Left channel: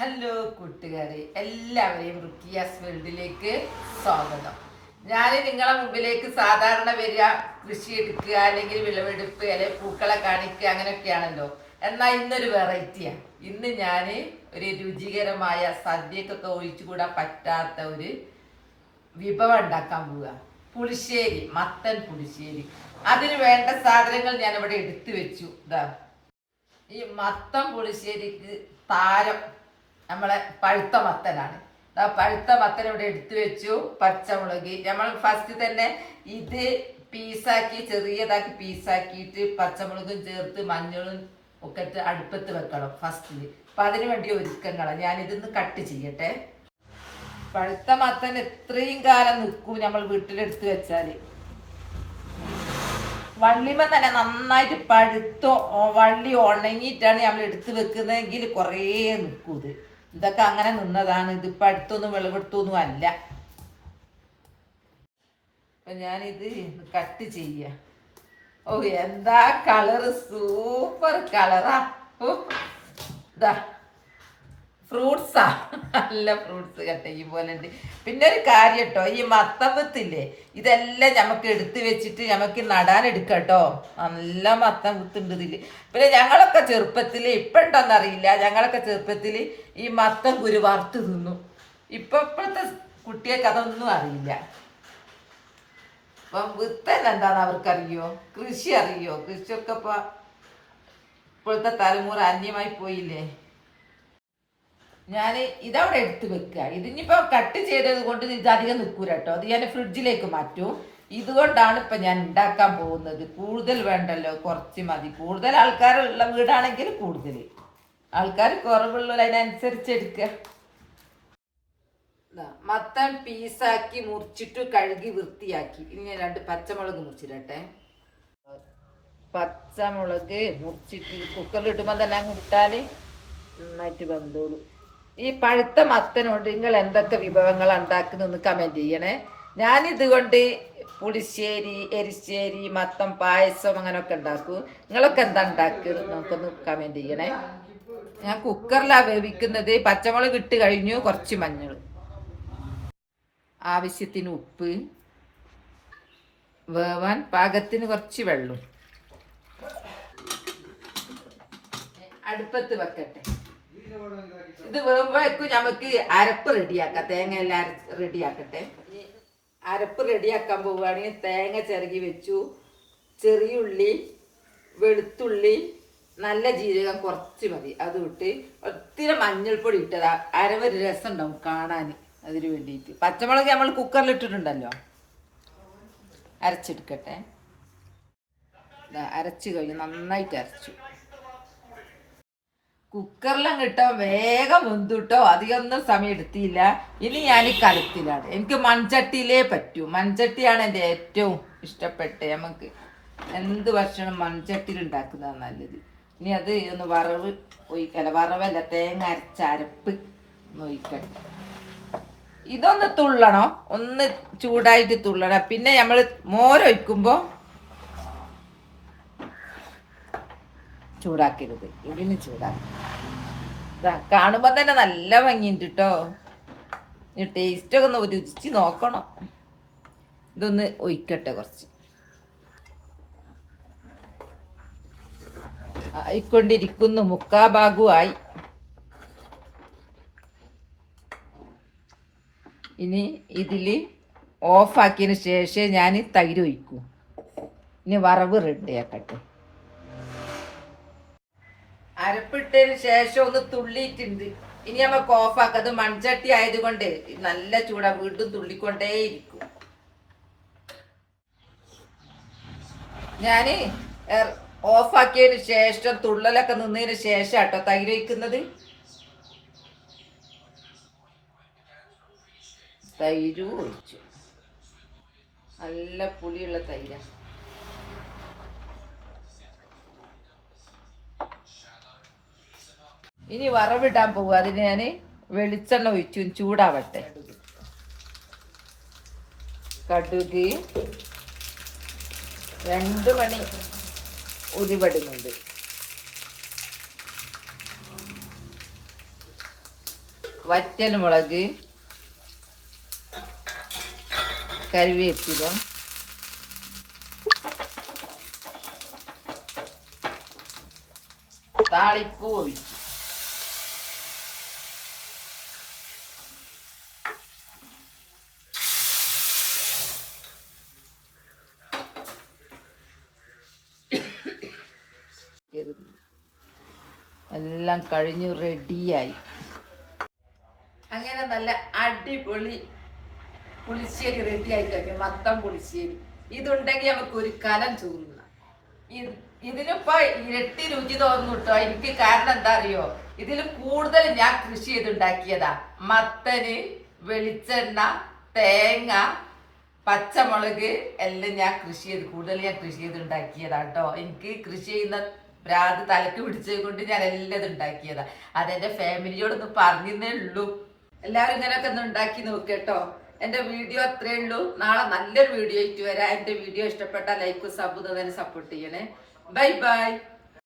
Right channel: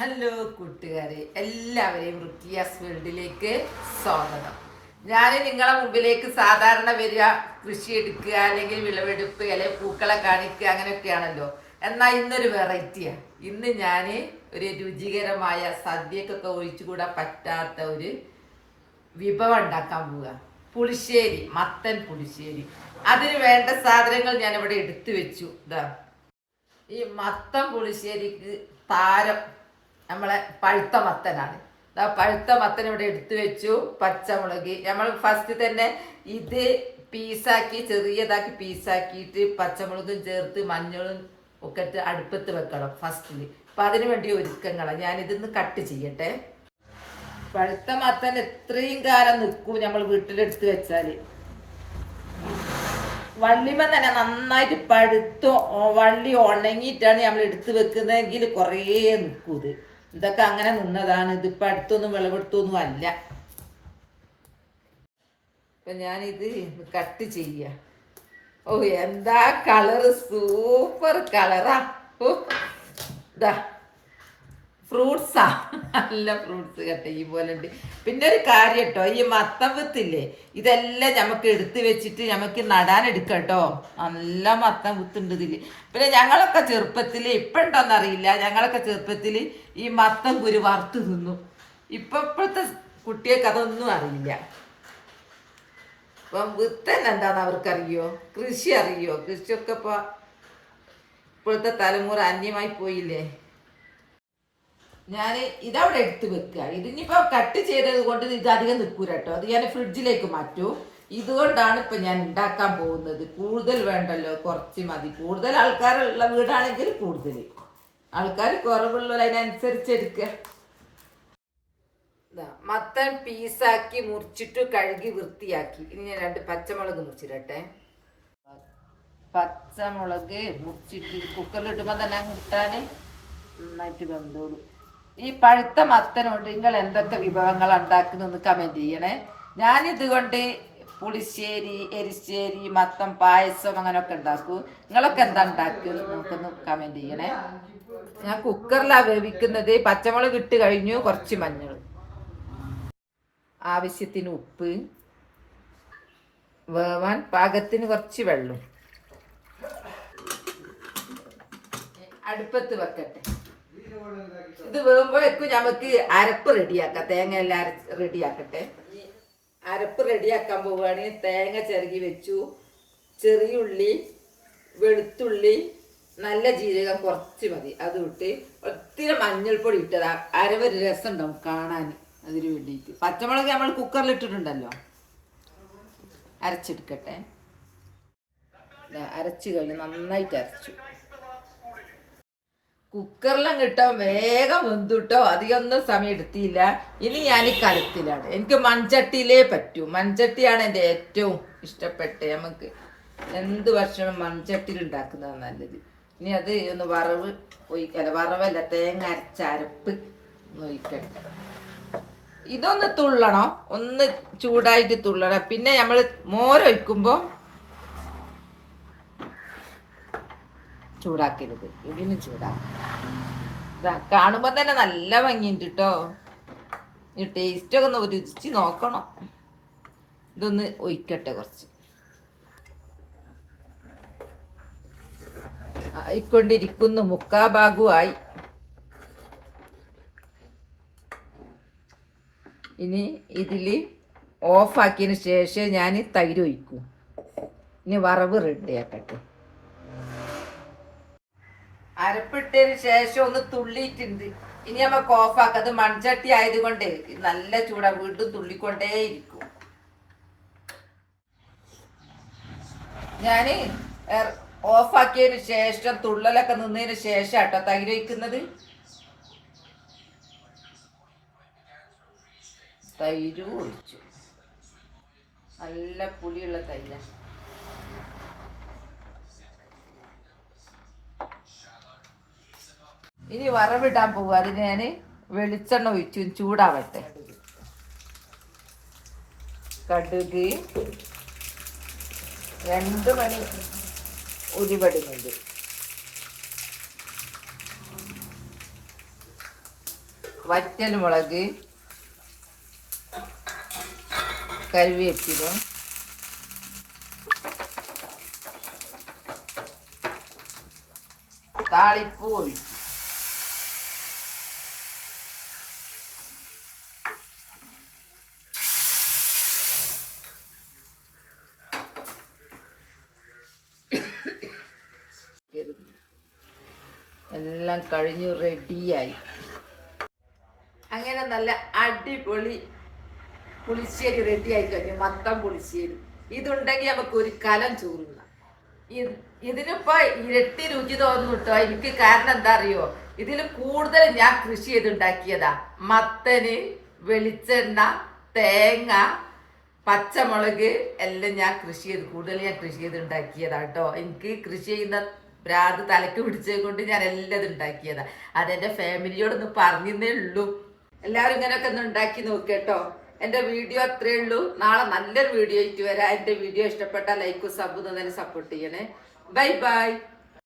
Hello കൂട്ടുകാരെ. എല്ലാവരെയും റുക്കിയാസ് വേൾഡിലേക്ക് സ്വാഗതം. ഞാൻ നിങ്ങളെ മുമ്പിലേക്ക് സാധാരണ വരിക കൃഷി എടുക്കുക അല്ലെങ്കിൽ വിളവെടുപ്പ് അല്ലെങ്കിൽ പൂക്കളെ കാണിക്കുക അങ്ങനെയൊക്കെയാണല്ലോ. എന്നാൽ ഇന്നൊരു വെറൈറ്റിയാണ് ഇന്ന് ഞാൻ ഒരു രുചികരമായ സദ്യക്കൊക്കെ ഒഴിച്ചുകൂടാൻ പറ്റാത്ത ഒരു വിഭവം ഉണ്ടാക്കാൻ പോവുക. പുളിശ്ശേരി മത്തൻ പുളിശ്ശേരി. അതിന് വേണ്ട സാധനങ്ങൾ ഞാൻ ഇവിടെ എടുത്തു വെച്ചു. ഇതാ ഈ മത്തൻ പുളിശ്ശേരിക്ക് താരം നമ്മളെ പഴുത്ത മത്തനാണ്. പഴുത്ത മത്തൻ ഇവിടെ എടുത്തു വെച്ചു പച്ചമുളക്. നമ്മൾ ഫസ്റ്റ് തന്നെ ഇത് പീസാക്കി ചെറിയതാക്കി പീസാക്കിയിട്ട് പച്ചമുളകും ചേർത്ത് മഞ്ഞളും ഒക്കെ അടുപ്പത്ത് വെക്കണം ഫസ്റ്റിൽ അപ്പം അതിന് വേണ്ടി ഒരുക്കങ്ങളാണ് ഞാനിതൊന്ന് കട്ട് ചെയ്യട്ടെ. പഴുത്ത മത്തൻ എത്രയും കാലം നിൽക്കും നമ്മൾ വീട്ടിലെടുത്ത് വെച്ചാൽ. വള്ളിമ തന്നെ നന്നായിട്ട് പഴുത്തോ വള്ളി ഉണങ്ങിയിട്ടാണ് നമ്മൾ എടുത്ത് വെക്കുന്നതെങ്കിൽ കുറേ നിൽക്കും ഇത്. ഇതൊക്കെ അങ്ങനെ നിന്നതാണ്. ഇത് ഇപ്പം അടുത്തൊന്നും വിളവെടുത്തൊന്നും അല്ല. അപ്പൊ ഞാനിത് കട്ട് ചെയ്യ. ഓ എന്താ കളറ്? സൂപ്പർ കളറാ. ഓ ഇതാ ഫ്രൂട്ട്സാ. നല്ല ഫ്രൂട്ട്സ് കേട്ടോ ഈ പോലെ ഉണ്ട് പിന്നെ ഒരു കാര്യം കേട്ടോ ഈ മത്തമ്പത്തില്ലേ ഇതെല്ലാം നമുക്ക് എടുത്തു വെച്ചിട്ട് നമുക്ക് നടാൻ എടുക്കട്ടോ കേട്ടോ നല്ല മത്തം കുത്തുണ്ട് ഇതിൽ. പിന്നെ ഞങ്ങളൊക്കെ ചെറുപ്പത്തിൽ ഇപ്പം ഉണ്ടോന്നറിയില്ല ഞങ്ങളൊക്കെ ചെറുപ്പത്തിൽ ഈ മത്തം കുരു വറുത്ത് തിന്നു. ഇപ്പൊ ഇപ്പോഴത്തെ കുട്ടികൾക്ക് അതൊന്നും അറിയില്ല. അപ്പം വിത്തൻ എന്താന്ന് അവർക്കറിയോ? കൃഷി അറിയോ? കൃഷിയൊക്കെ ഇപ്പൊ ഇപ്പോഴത്തെ തലമുറ അന്യമായി പോയില്ലേ? ഞാൻ ഇതവിടെ എടുത്ത് വെക്കുക ഇതിനിപ്പോ കട്ട് ചെയ്തത് കൊണ്ട് ഇത് അധികം നിൽക്കൂല കേട്ടോ അത് ഞാൻ ഫ്രിഡ്ജിലേക്ക് മാറ്റൂ. ഇതുകൊണ്ടാണ് ഇപ്പൊ ഞാൻ ഉണ്ടാക്കാൻ പോകുന്നത്. കൂടുതൽ വേണ്ടല്ലോ കുറച്ച് മതി. കൂടുതൽ ആൾക്കാരുള്ള വീടാണെങ്കിൽ കൂടുതൽ. ആൾക്കാർ കുറവുള്ളതിനനുസരിച്ച് എടുക്കുക മത്തൻ പീസാക്കി മുറിച്ചിട്ട് കഴുകി വൃത്തിയാക്കി. ഇനി ഞാൻ രണ്ട് പച്ചമുളക് മുറിച്ചിടട്ടെ. പച്ചമുളക് മുറിച്ചിട്ട് കുക്കറിലിട്ടുമ്പോൾ തന്നെ അങ്ങ് ഇട്ടാൽ നന്നായിട്ട് വെന്തോളൂ. ഈ പഴുത്ത മത്തനോട് നിങ്ങൾ എന്തൊക്കെ വിഭവങ്ങൾ ഉണ്ടാക്കുന്നതെന്ന് കമന്റ് ചെയ്യണേ. ഞാനിതുകൊണ്ട് പുളിശ്ശേരി എരിശ്ശേരി മത്തം പായസം അങ്ങനെയൊക്കെ ഉണ്ടാക്കും. നിങ്ങളൊക്കെ എന്താ ഉണ്ടാക്കുന്നത് നമുക്കൊന്ന് കമന്റ് ചെയ്യണേ. ഞാൻ കുക്കറിലാണ് വേവിക്കുന്നത്. പച്ചമുളക് ഇട്ട് കഴിഞ്ഞു. കുറച്ച് മഞ്ഞൾ. ആവശ്യത്തിന് ഉപ്പ്. വേവാൻ പാകത്തിന് കുറച്ച് വെള്ളം. അടുപ്പത്ത് വെക്കട്ടെ. ഇത് വേകുമ്പോഴേക്കും നമുക്ക് അരപ്പ് റെഡിയാക്കാം. തേങ്ങ എല്ലാം റെഡിയാക്കട്ടെ. അരപ്പ് റെഡിയാക്കാൻ പോവുകയാണെങ്കിൽ തേങ്ങ ചിരകി വെച്ചു. ചെറിയുള്ളി വെളുത്തുള്ളി നല്ല ജീരകം കുറച്ച് മതി. അത് വിട്ട് ഒത്തിരി മഞ്ഞൾപ്പൊടി ഇട്ടതാ. അരവൊരു രസം ഉണ്ടാവും കാണാൻ അതിന് വേണ്ടിയിട്ട്. പച്ചമുളക് നമ്മൾ കുക്കറിൽ ഇട്ടിട്ടുണ്ടല്ലോ. അരച്ചെടുക്കട്ടെ. അരച്ചു കഴിഞ്ഞ് നന്നായിട്ട് അരച്ചു. കുക്കറിലും കിട്ടാൻ വേഗം വെന്തുട്ടോ. അധികമൊന്നും സമയം എടുത്തില്ല. ഇനി ഞാൻ ഈ കലത്തിലാണ്. എനിക്ക് മൺചട്ടിയിലേ പറ്റൂ. മൺചട്ടിയാണ് എന്റെ ഏറ്റവും ഇഷ്ടപ്പെട്ട നമുക്ക്. എന്ത് ഭക്ഷണം മൺചട്ടിയിൽ ഉണ്ടാക്കുന്നതാണ് നല്ലത്. ഇനി അത് ഒന്ന് വറവ് ഒഴിക്കല വറവല്ല തേങ്ങ അരച്ച അരപ്പ് ഒഴിക്കട്ടെ. ഇതൊന്ന് തുള്ളണം. ഒന്ന് ചൂടായിട്ട് തുള്ളണം. പിന്നെ നമ്മൾ മോരൊഴിക്കുമ്പോൾ ചൂടാക്കരുത്. ഇതിന് ചൂടാക്കും. കാണുമ്പോൾ തന്നെ നല്ല ഭംഗിയുണ്ട് കേട്ടോ ടേസ്റ്റ് ടേസ്റ്റൊക്കെ ഒന്ന് രുചിച്ച് നോക്കണം. ഇതൊന്ന് ഒഴിക്കട്ടെ കുറച്ച്. ആയിക്കൊണ്ടിരിക്കുന്നു മുക്കാ ഭാഗുവായി ഇനി ഇതിൽ ഓഫാക്കിയതിന് ശേഷം ഞാൻ തൈര് ഒഴിക്കും. ഇനി വറവ് റെഡിയാക്കട്ടെ അരപ്പിട്ടതിന് ശേഷം ഒന്ന് തുള്ളിയിട്ടുണ്ട്. ഇനി നമുക്ക് ഓഫാക്കാം അത് മൺചട്ടി ആയതുകൊണ്ട് നല്ല ചൂടാ. വീണ്ടും തുള്ളിക്കൊണ്ടേയിരിക്കും. ഓഫ് ഓഫാക്കിയതിന് ശേഷം തുള്ളലൊക്കെ നിന്നതിന് ശേഷം കേട്ടോ തൈര് വയ്ക്കുന്നത് തൈര് ഒഴിച്ചു. നല്ല പുളിയുള്ള തൈരാണ് ഇനി വറവിടാൻ പോകും അതിന് ഞാൻ വെളിച്ചെണ്ണ ഒഴിച്ചു. ചൂടാവട്ടെ. കടുക് രണ്ട് മണി ഉരുവടുന്നുണ്ട് വറ്റൽ മുളക് കരുവേപ്പിലും താളിപ്പൂ ഒഴിച്ചു. എല്ലാം കഴിഞ്ഞു റെഡിയായി അങ്ങനെ നല്ല അടിപൊളി പുളിശ്ശേരി റെഡിയായി കഴിഞ്ഞു. മത്തം പുളിശ്ശേരി. ഇതുണ്ടെങ്കിൽ നമുക്ക് ഒരു കലം ചോറുന്ന ഇതിനിപ്പോ ഇരട്ടി രുചി തോന്നുന്നു കേട്ടോ എനിക്ക് കാരണം എന്താ അറിയോ ഇതിൽ കൂടുതൽ ഞാൻ കൃഷി ചെയ്തുണ്ടാക്കിയതാ. മത്തന് വെളിച്ചെണ്ണ തേങ്ങ പച്ചമുളക് എല്ലാം ഞാൻ കൃഷി ചെയ്ത് കൂടുതൽ ഞാൻ കൃഷി ചെയ്തുണ്ടാക്കിയതാ കേട്ടോ എനിക്ക് കൃഷി ചെയ്യുന്ന ഭ്രാന്ത് തലക്ക് പിടിച്ചത് കൊണ്ട് ഞാൻ എല്ലാം ഇത് ഉണ്ടാക്കിയതാ. അതെന്റെ ഫാമിലിയോടൊന്ന് പറഞ്ഞേ ഉള്ളൂ. എല്ലാവരും ഇങ്ങനെയൊക്കെ ഒന്ന് ഉണ്ടാക്കി നോക്കട്ടോ. എന്റെ വീഡിയോ അത്രേ ഉള്ളൂ. നാളെ നല്ലൊരു വീഡിയോ ആയിട്ട് വരാം. എന്റെ വീഡിയോ ഇഷ്ടപ്പെട്ട ലൈക്കും സബും തന്നെ സപ്പോർട്ട് ചെയ്യണേ. Bye bye